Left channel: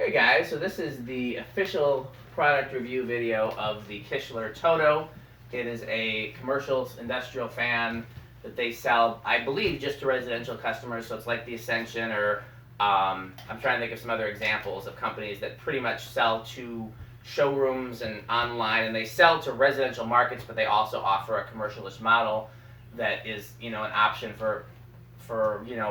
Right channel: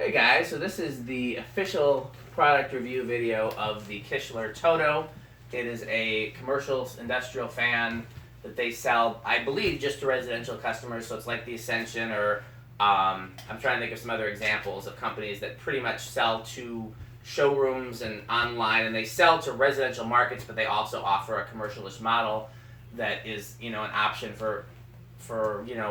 Hey guys, so this is the official product review video of the Kitchler Todo. It is a commercial industrial fan that they sell, I believe, just to residential customers. So it's like the Ascension, or I'm trying to think of some other examples of companies that pretty much sell to showrooms and online, and they sell to residential markets, but they also offer a commercialist model that is, an option for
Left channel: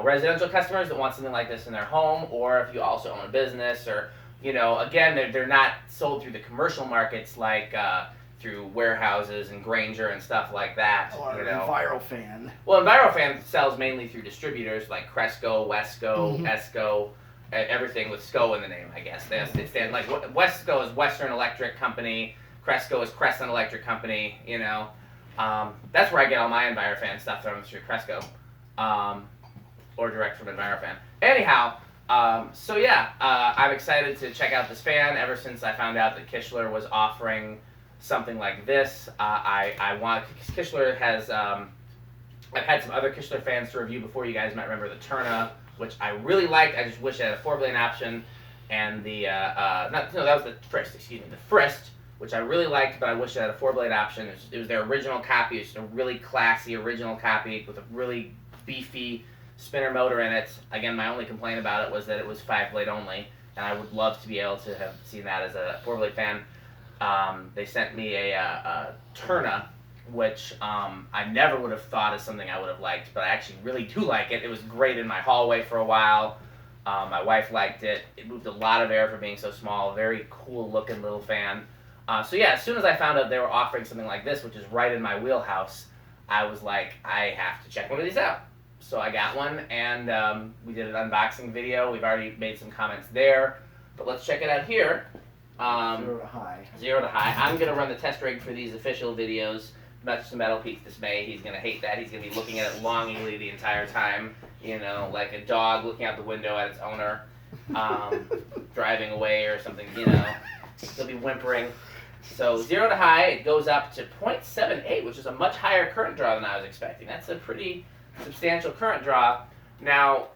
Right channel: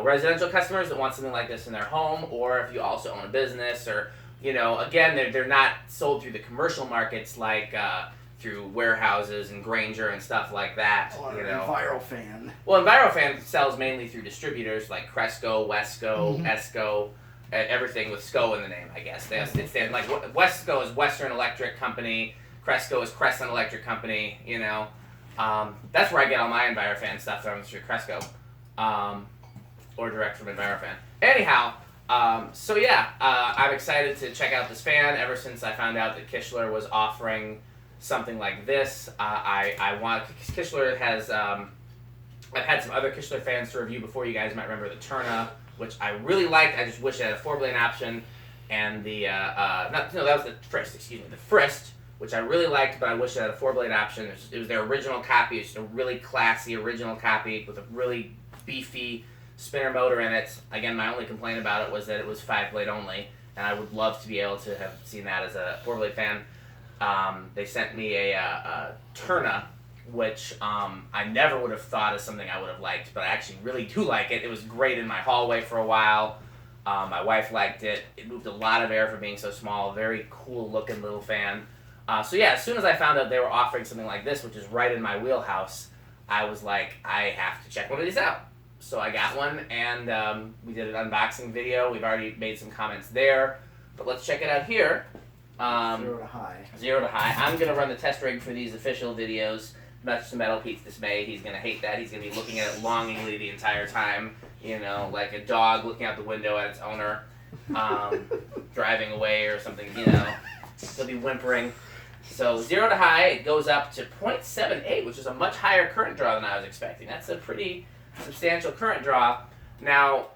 residential customers that want something like this in their home, or if you also own a business, or again, they're not sold through the commercial markets like through warehouses and Granger and stuff like that. Or EnviroFan. Well, EnviroFan sells mainly through distributors like Cresco, Wesco, Esco, everything with SCO in the name, I guess. They stand like Wesco is Western Electric Company, Cresco is Crescent Electric Company. That's where I get all my EnviroFan stuff from, through Cresco. Or direct from EnviroFan. Anyhow, I'm excited to check out this fan. Ever since I found out that Kitchler was offering something like this, Kitchler has, I've had some other Kitchler fans to review before. You guys might remember the Turna, which I really liked. I just wish it had a 4-blade option, and that was the Frist, the Frist, which I really liked, but I wish it had a 4-blade option. It was their original copy. It's just a really classy original copy with a really beefy spinner motor in it. Again, my only complaint about it was that it was 5-blade only, and I would love to be able to have seen that as a 4-blade fan. They sent me a Turna, which I never would have thought is something I would have liked, but I actually really do like it. It was great in my hallway for a while. My wife liked it. It moved a lot of air for being so small. Very cool looking little fan. As soon as I found out they were offering something like this, which is right in my wheelhouse, I was like, I have to check one of these out. So I got one, and we did an unboxing video. We've already made some comments there, but let's check it out here. 0 to high. 0 to high. I'm going to run the test rig for these official videos. Much to Metal Pete's dismay, he's going to hate that. He's going to be looking at it longingly the entire time, like a dog looking out the window at its owner, driving away or something, He'll be whimpering. So 0 to high, it goes up to 0.78, which is a much higher current draw than I was expecting. That's a pretty substantial current draw. Now,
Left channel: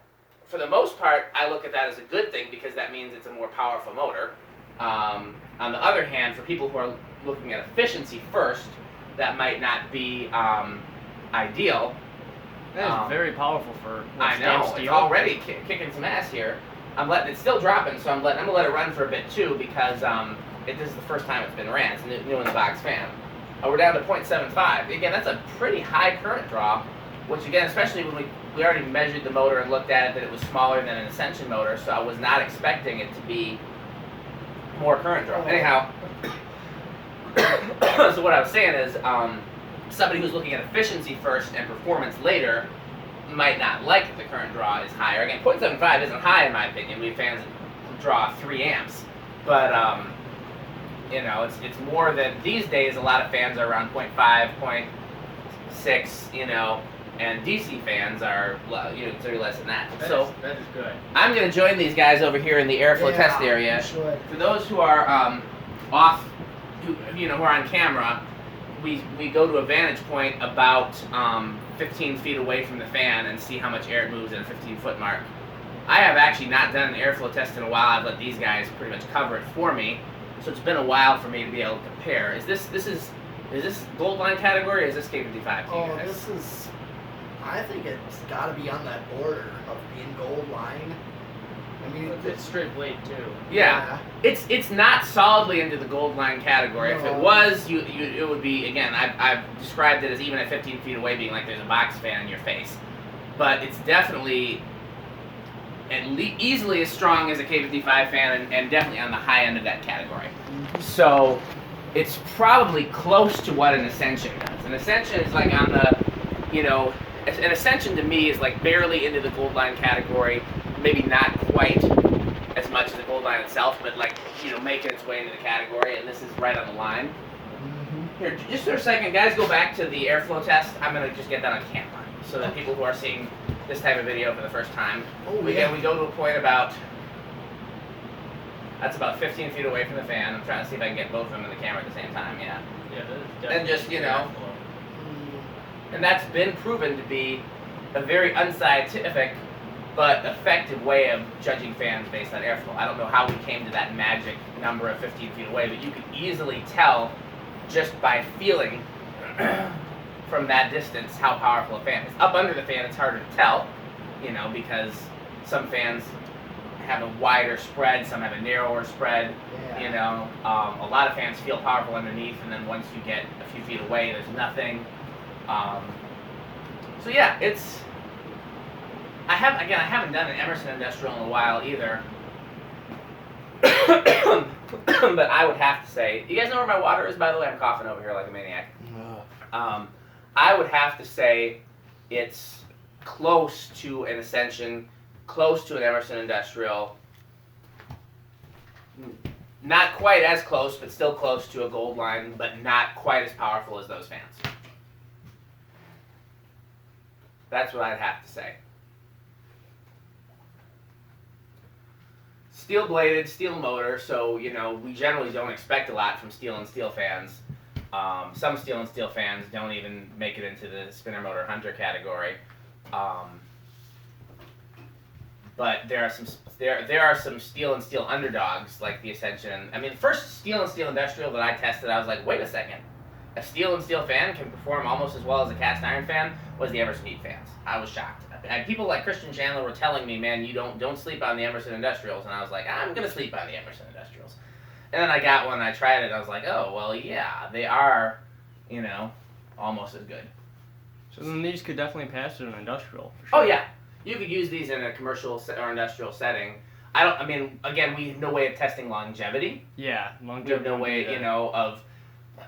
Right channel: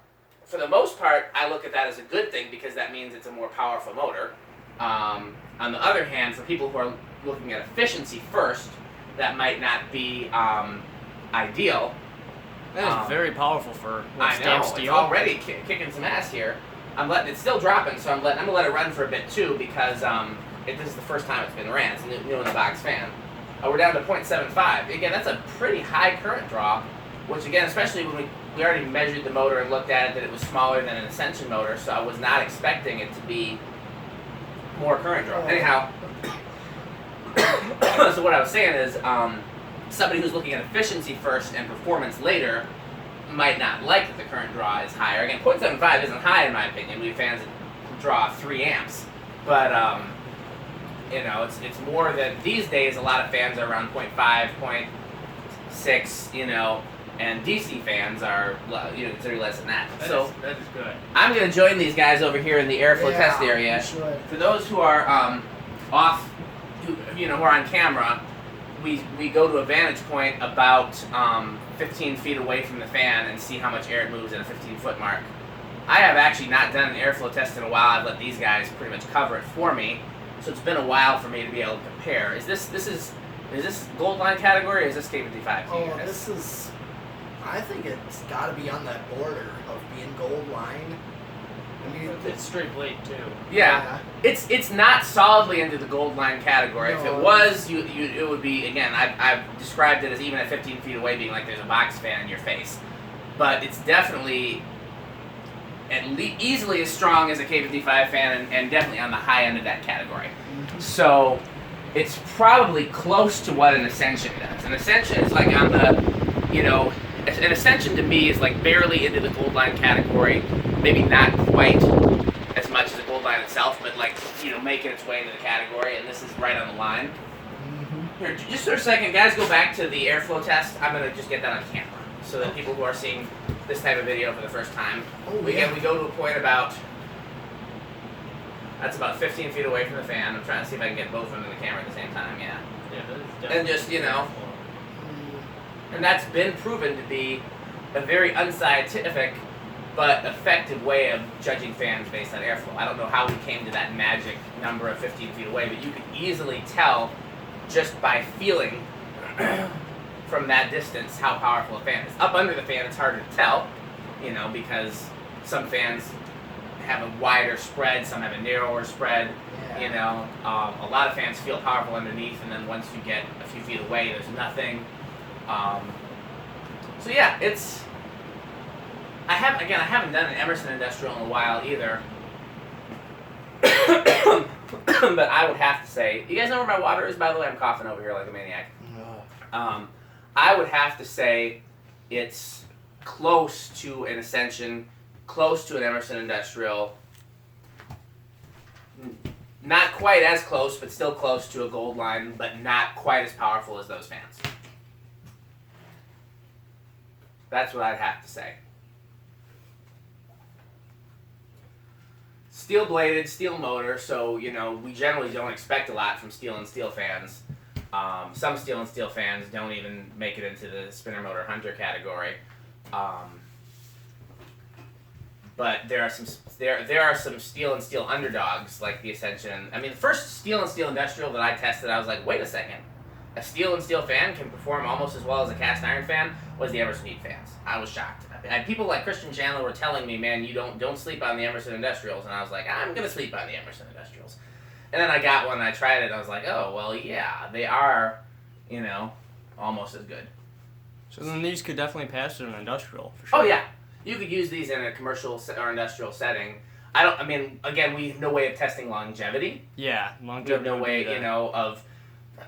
for the most part, I look at that as a good thing because that means it's a more powerful motor. On the other hand, for people who are looking at efficiency first, that might not be ideal. That is very powerful for I know, it's already kicking some ass here. It's still dropping, so I'm gonna let it run for a bit too, because this is the first time it's been ran. It's a new in the box fan. We're down to 0.75. Again, that's a pretty high current draw, which again, especially when we already measured the motor and looked at it, that it was smaller than an Ascension motor, so I was not expecting it to be more current draw. Anyhow, so what I was saying is, somebody who's looking at efficiency first and performance later might not like that the current draw is higher. Again, 0.75 isn't high in my opinion. We have fans that draw 3 amps, but it's more than these days. A lot of fans are around 0.5, 0.6, and DC fans are considerably less than that. That is good. I'm going to join these guys over here in the airflow test area. You should. For those who are who are on camera, we go to a vantage point about 15 feet away from the fan and see how much air it moves at a 15-foot mark. I have actually not done an airflow test in a while. I've let these guys pretty much cover it for me, so it's been a while for me to be able to compare. Is this gold line category, or is this K55? Oh, this is. I think it's got to be on that border of being gold line. I mean, it's straight blade too. Yeah. It's not solidly into the gold line category. No. If it was, it would be, again, I've described it as even at 15 feet away being like there's a box fan in your face. But it's definitely easily as strong as a K55 fan, and definitely on the high end of that category. So it's probably close to what an Ascension does. An Ascension is like on the, an Ascension to me is like barely into the gold line category, maybe not quite as much as the gold line itself, but like, making its way into the category, and this is right on the line. Here, just for a second, guys, go back to the airflow test. I'm going to just get that on camera, so that people who are seeing this type of video for the first time, we go to a point that's about 15 feet away from the fan. I'm trying to see if I can get both of them in the camera at the same time, Yeah, that is and definitely just, and that's been proven to be a very unscientific but effective way of judging fans based on airflow. I don't know how we came to that magic number of 15 feet away, but you can easily tell just by feeling from that distance how powerful a fan is. Up under the fan, it's harder to tell, because some fans have a wider spread, some have a narrower spread. Yeah. A lot of fans feel powerful underneath, and then once you get a few feet away, there's nothing. So yeah, I haven't done an Emerson Industrial in a while either. But I would have to say, you guys know where my water is, by the way? I'm coughing over here like a maniac. I would have to say it's close to an Ascension, close to an Emerson Industrial. Not quite as close, but still close to a Gold Line, but not quite as powerful as those fans. That's what I'd have to say. Steel bladed, steel motor, so we generally don't expect a lot from steel and steel fans. Some steel and steel fans don't even make it into the spinner motor hunter category. But there are some steel and steel underdogs like the Ascension. I mean, the first steel and steel industrial that I tested, I was like, wait a second, a steel and steel fan can perform almost as well as a cast iron fan. Was the Emerson Heat fans? I was shocked. And people like Christian Chandler were telling me, man, you don't sleep on the Emerson Industrials, and I was like, I'm gonna sleep on the Emerson Industrials. And then I got one and I tried it, and I was like, oh well, yeah, they are, almost as good. So then these could definitely pass in an industrial. For sure. Oh yeah. You could use these in a commercial or industrial setting. Again, we have no way of testing longevity. Yeah, longevity. We have no way, of,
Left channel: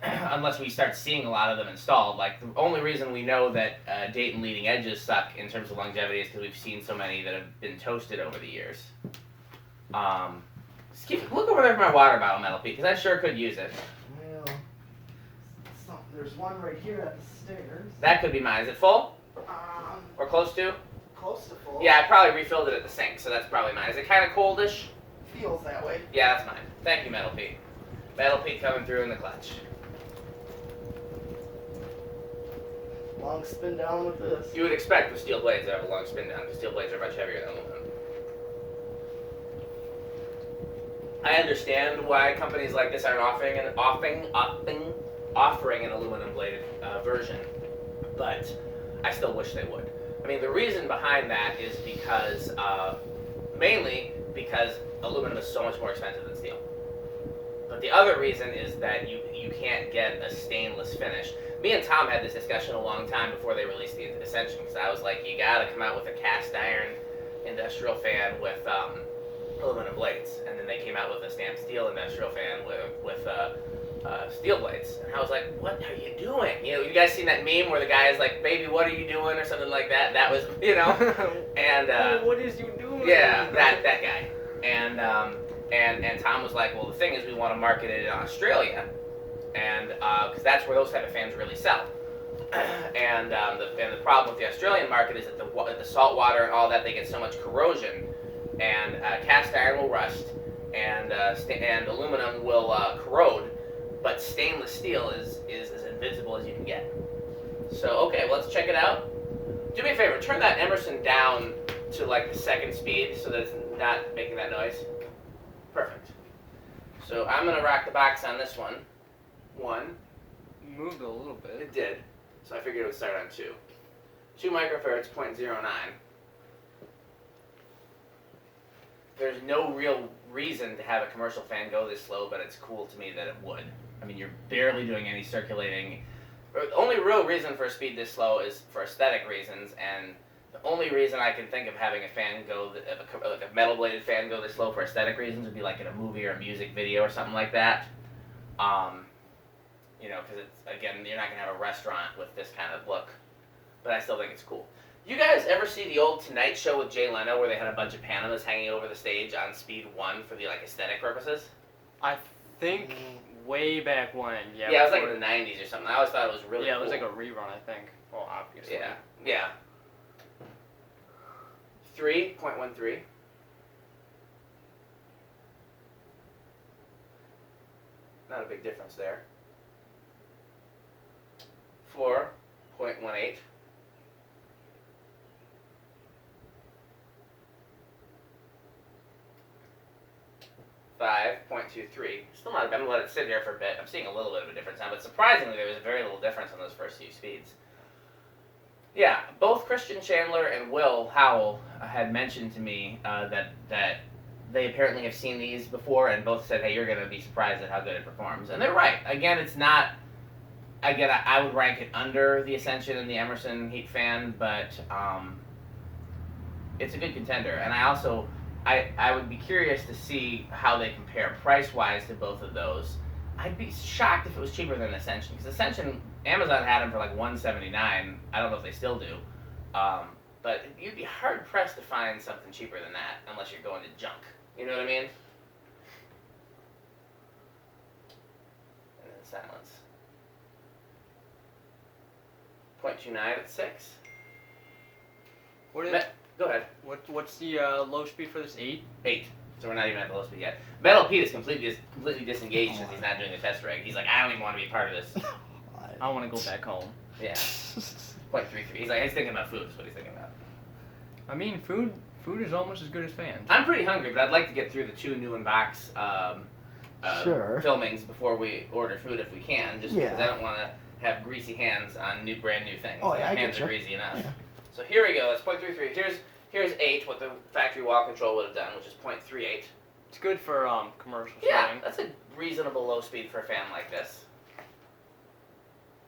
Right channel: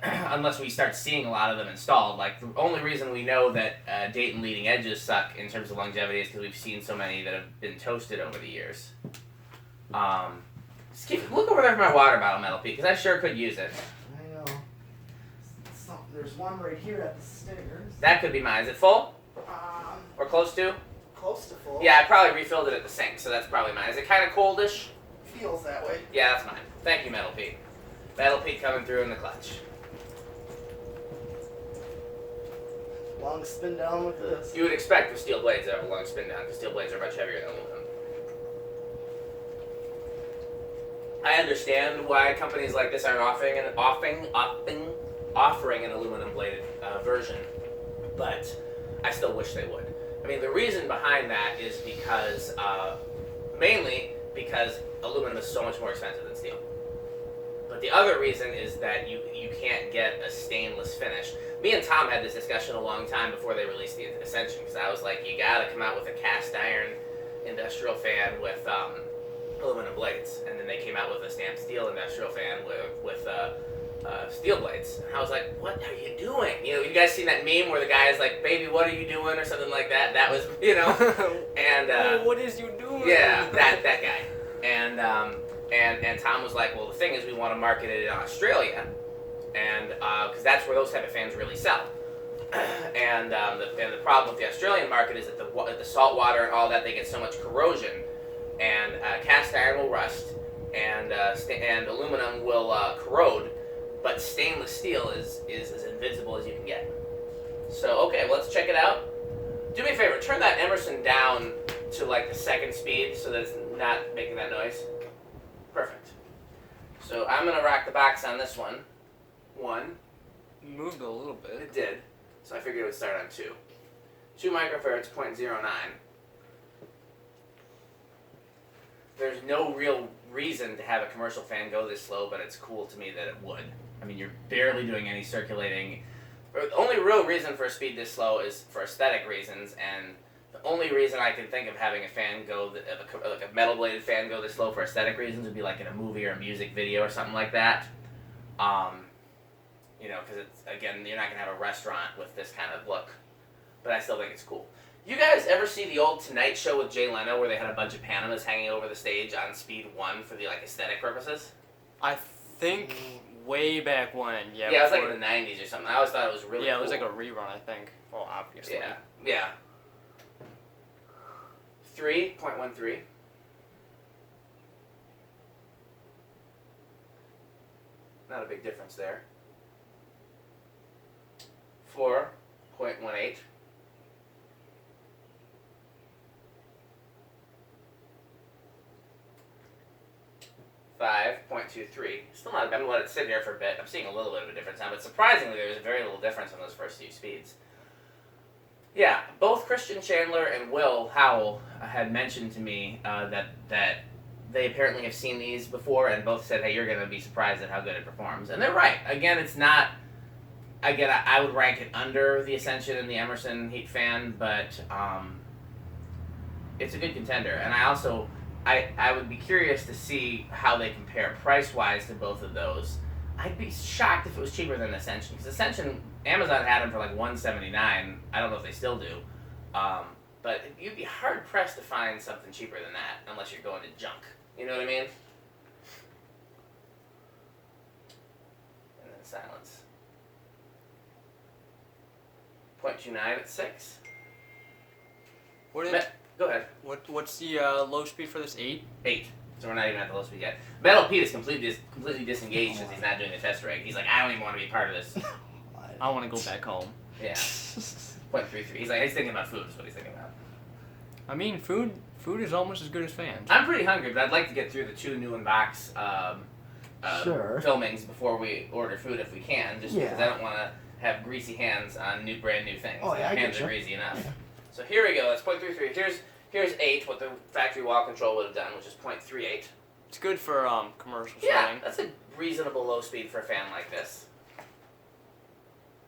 unless we start seeing a lot of them installed. Like, the only reason we know that Dayton leading edges suck in terms of longevity is because we've seen so many that have been toasted over the years. Look over there for my water bottle, Metal Pete, because I sure could use it. Well, there's one right here at the stairs. That could be mine. Is it full? Or close to? Close to full. Yeah, I probably refilled it at the sink, so that's probably mine. Is it kind of coldish? Feels that way. Yeah, that's mine. Thank you, Metal Pete. Metal Pete coming through in the clutch. Long spin down with this. You would expect with steel blades to have a long spin down, because steel blades are much heavier than aluminum. I understand why companies like this are offering an aluminum bladed version, but I still wish they would. I mean, the reason behind that is because, mainly because aluminum is so much more expensive than steel. But the other reason is that you can't get a stainless finish. Me and Tom had this discussion a long time before they released the Ascension, because I was like, you gotta come out with a cast iron industrial fan with aluminum blades. And then they came out with a stamped steel industrial fan with steel blades. And I was like, what are you doing? You guys seen that meme where the guy is like, baby, what are you doing? Or something like that. That was, and what is you doing? Yeah, that guy. And Tom was like, well, the thing is, we want to market it in Australia, and because that's where those type of fans really sell. And the problem with the Australian market is that the salt water and all that, they get so much corrosion, and cast iron will rust, and aluminum will corrode, but stainless steel is as invincible as you can get. So okay, well, let's check it out. Do me a favor, turn that Emerson down to like the second speed so that it's not making that noise. Perfect. So I'm gonna rock the box on this one. You moved a little bit. It did. So I figured it would start on 2. 2 microfarads, 0.09. There's no real reason to have a commercial fan go this slow, but it's cool to me that it would. I mean, you're barely doing any circulating. The only real reason for a speed this slow is for aesthetic reasons, and the only reason I can think of having a fan go, like a metal bladed fan go this slow for aesthetic reasons would be like in a movie or a music video or something like that. Because it's, again, you're not going to have a restaurant with this kind of look. But I still think it's cool. You guys ever see the old Tonight Show with Jay Leno where they had a bunch of Panamas hanging over the stage on speed 1 for the aesthetic purposes? I think way back when, yeah. Yeah, it was like in the 90s or something. I always thought it was really cool. Yeah, it was like a rerun, I think. Well, obviously. Yeah. 3.13. Not a big difference there. 4.18. 5.23. Still not. I'm gonna let it sit here for a bit. I'm seeing a little bit of a difference now, but surprisingly, there was very little difference on those first few speeds. Yeah, both Christian Chandler and Will Howell had mentioned to me that they apparently have seen these before, and both said, "Hey, you're gonna be surprised at how good it performs." And they're right. Again, it's not. Again, I would rank it under the Ascension and the Emerson Heat Fan, but it's a good contender. And I would be curious to see how they compare price-wise to both of those. I'd be shocked if it was cheaper than Ascension, because Ascension, Amazon had them for like $179. I don't know if they still do. But you'd be hard-pressed to find something cheaper than that, unless you're going to junk. You know what I mean? And then silence. 0.29 at 6. What is, Go ahead. what's the low speed for this? 8? 8. So we're not even at the low speed yet. Metal Pete is completely disengaged since he's not doing the test rig. He's like, I don't even want to be part of this. I want to go back home. Yeah. 0.33. He's thinking about food is what he's thinking about. I mean, food is almost as good as fans. I'm pretty hungry, but I'd like to get through the 2 new in-box Sure. filmings before we order food if we can, just because I don't want to have greasy hands on brand new things. Oh, yeah, I hands getcha. are greasy enough. Yeah. So here we go. It's 0.33. Here's 8, what the factory wall control would have done, which is 0.38. It's good for commercial Yeah, shooting. that's a reasonable low speed for a fan like this.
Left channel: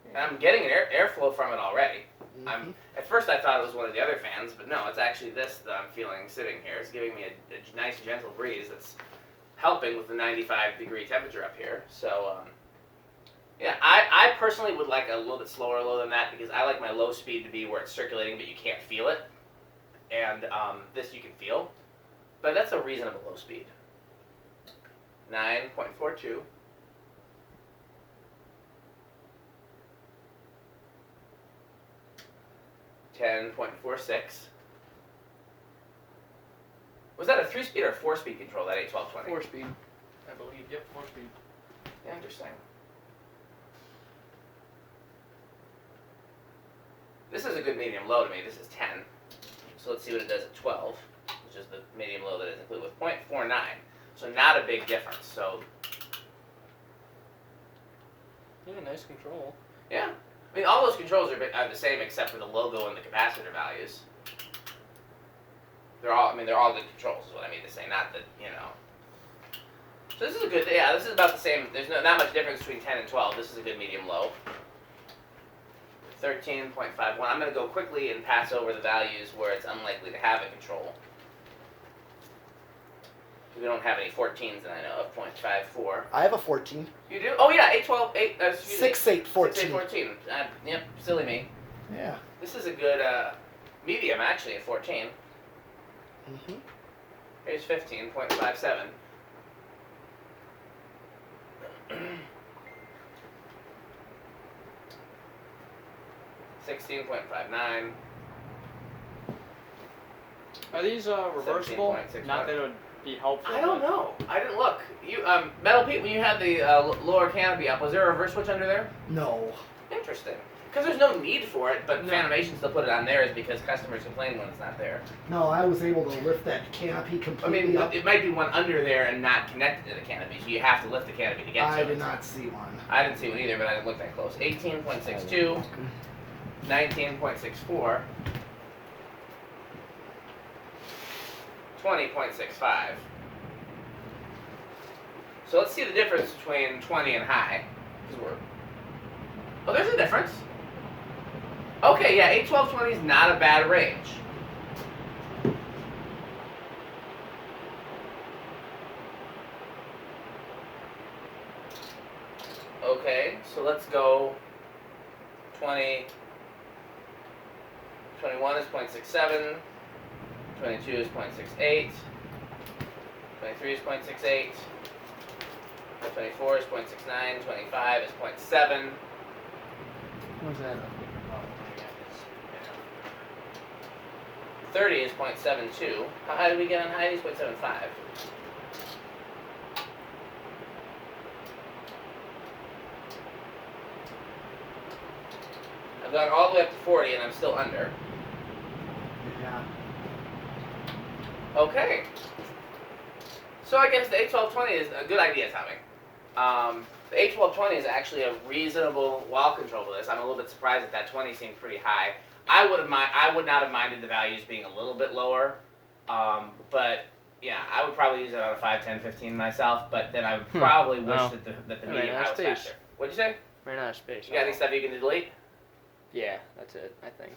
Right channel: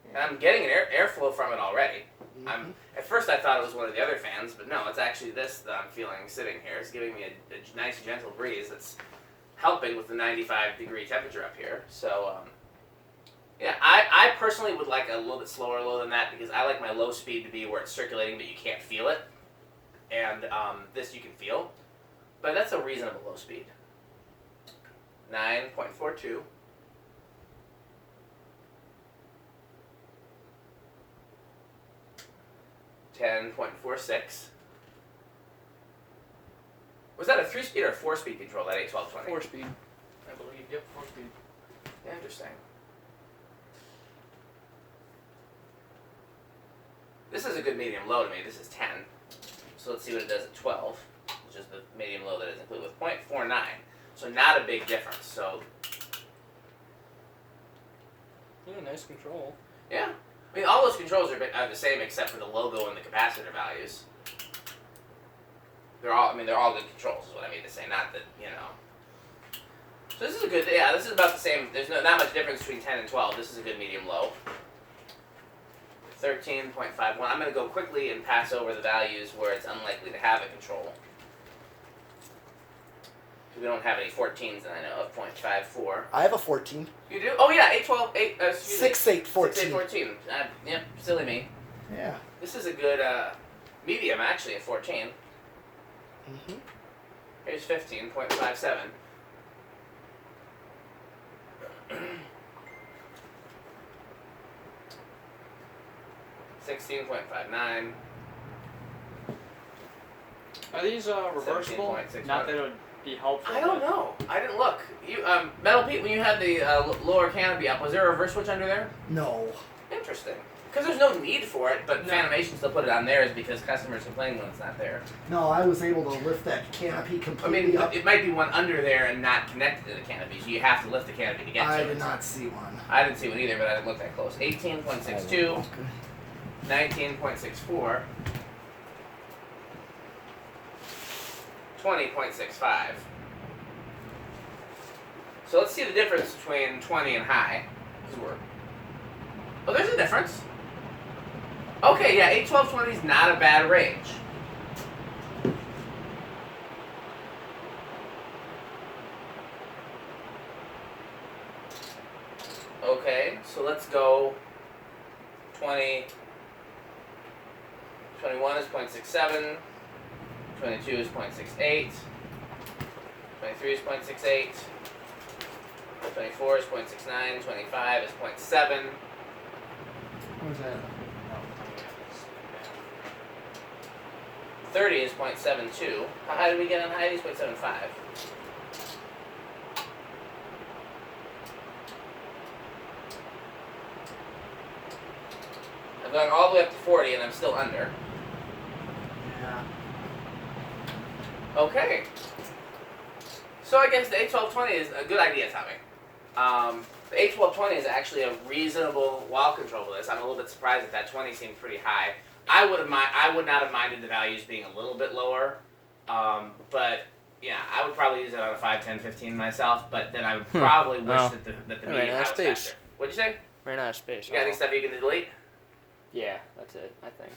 And I'm getting an airflow from it already. At first I thought it was one of the other fans, but no, it's actually this that I'm feeling sitting here. It's giving me a nice gentle breeze that's helping with the 95-degree temperature up here. So, yeah, I personally would like a little bit slower low than that, because I like my low speed to be where it's circulating but you can't feel it. And this you can feel. But that's a reasonable low speed. 9.42. $10.46. Was that a 3-speed or a 4-speed control, that 81220? 4 speed. I believe, yep, 4 speed. Interesting. This is a good medium low to me. This is 10. So let's see what it does at 12, which is the medium low that is included with 0.49. So not a big difference. So Yeah, nice control. yeah. I mean, all those controls are the same except for the logo and the capacitor values. They're all good controls, is what I mean to say. Not that, So this is a good, this is about the same. There's not much difference between 10 and 12. This is a good medium low. 13.51. I'm going to go quickly and pass over the values where it's unlikely to have a control. We don't have any 14s that I know of. 0.54. I have a 14. You do? Oh yeah, 8, 6, 8, 14. 6, 8, 14. Yep, silly me. Yeah. This is a good medium, actually, at 14. Mm-hmm. Here's 15.57. $16.59. Are these reversible? 17.61. Not that it would be helpful. I don't know. I didn't look. You, Metal Pete, when you had the lower canopy up, was there a reverse switch under there? No. Interesting. Because there's no need for it, but No. Fanimation still put it on theirs because customers complain when it's not there. No, I was able to lift that canopy I completely mean, up. it might be one under there and not connected to the canopy, so you have to lift the canopy to get to I it. did not see one. I didn't see one either, but I didn't look that close. 18.62, 19.64, 20.65. So let's see the difference between 20 and high. Oh, there's a difference. Okay, yeah, 8, 12, 20 is not a bad range. Okay, so let's go 20, 21 is 0.67, 22 is 0.68, 23 is 0.68, 24 is 0.69, 25 is 0.7. Where's that? 30 is 0.72. How high did we get on high? It's 0.75. I've gone all the way up to 40 and I'm still under. Yeah. Okay. So I guess the A1220 is a good idea, Tommy. The A1220 is actually a reasonable wall control for this. I'm a little bit surprised that that 20 seemed pretty high. I would not have minded the values being a little bit lower, but yeah, I would probably use it on a 5, 10, 15 myself. But then I would probably wish Well, that the yeah, medium high was space. faster. What'd you say? Ran out of space. You got any stuff you can delete? Yeah, that's it. I think.